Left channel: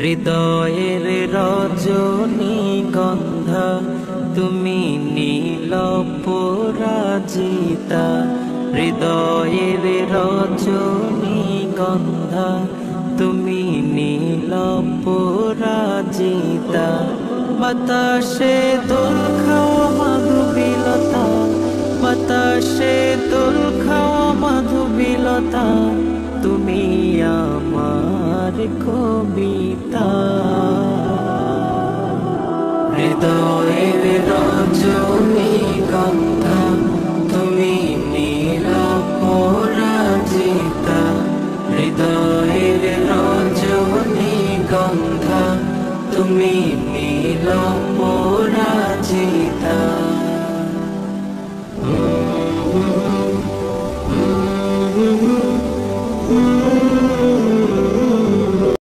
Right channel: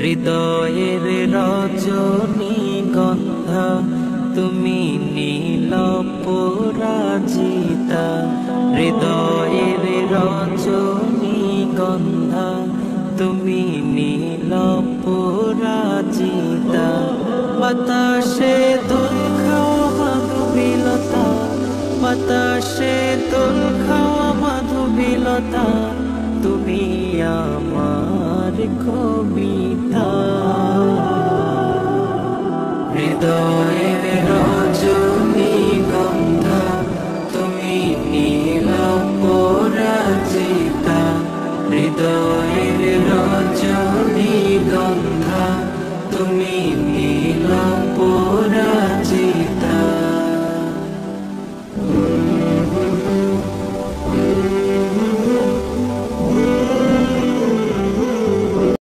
হৃদয়ের রজনীগন্ধা তুমি নীল পরাজিতা। হৃদয়ের রজনীগন্ধা তুমি নীল পরাজিতা। বাতাসে দোল খাওয়া মাধুবিলতা, বাতাসে দোল খাওয়া মাধুবিলতা, তুমি আমার কবিতা। হৃদয়ের রজনীগন্ধা তুমি নীল পরাজিতা। হৃদয়ের রজনীগন্ধা তুমি নীল পরাজিতা।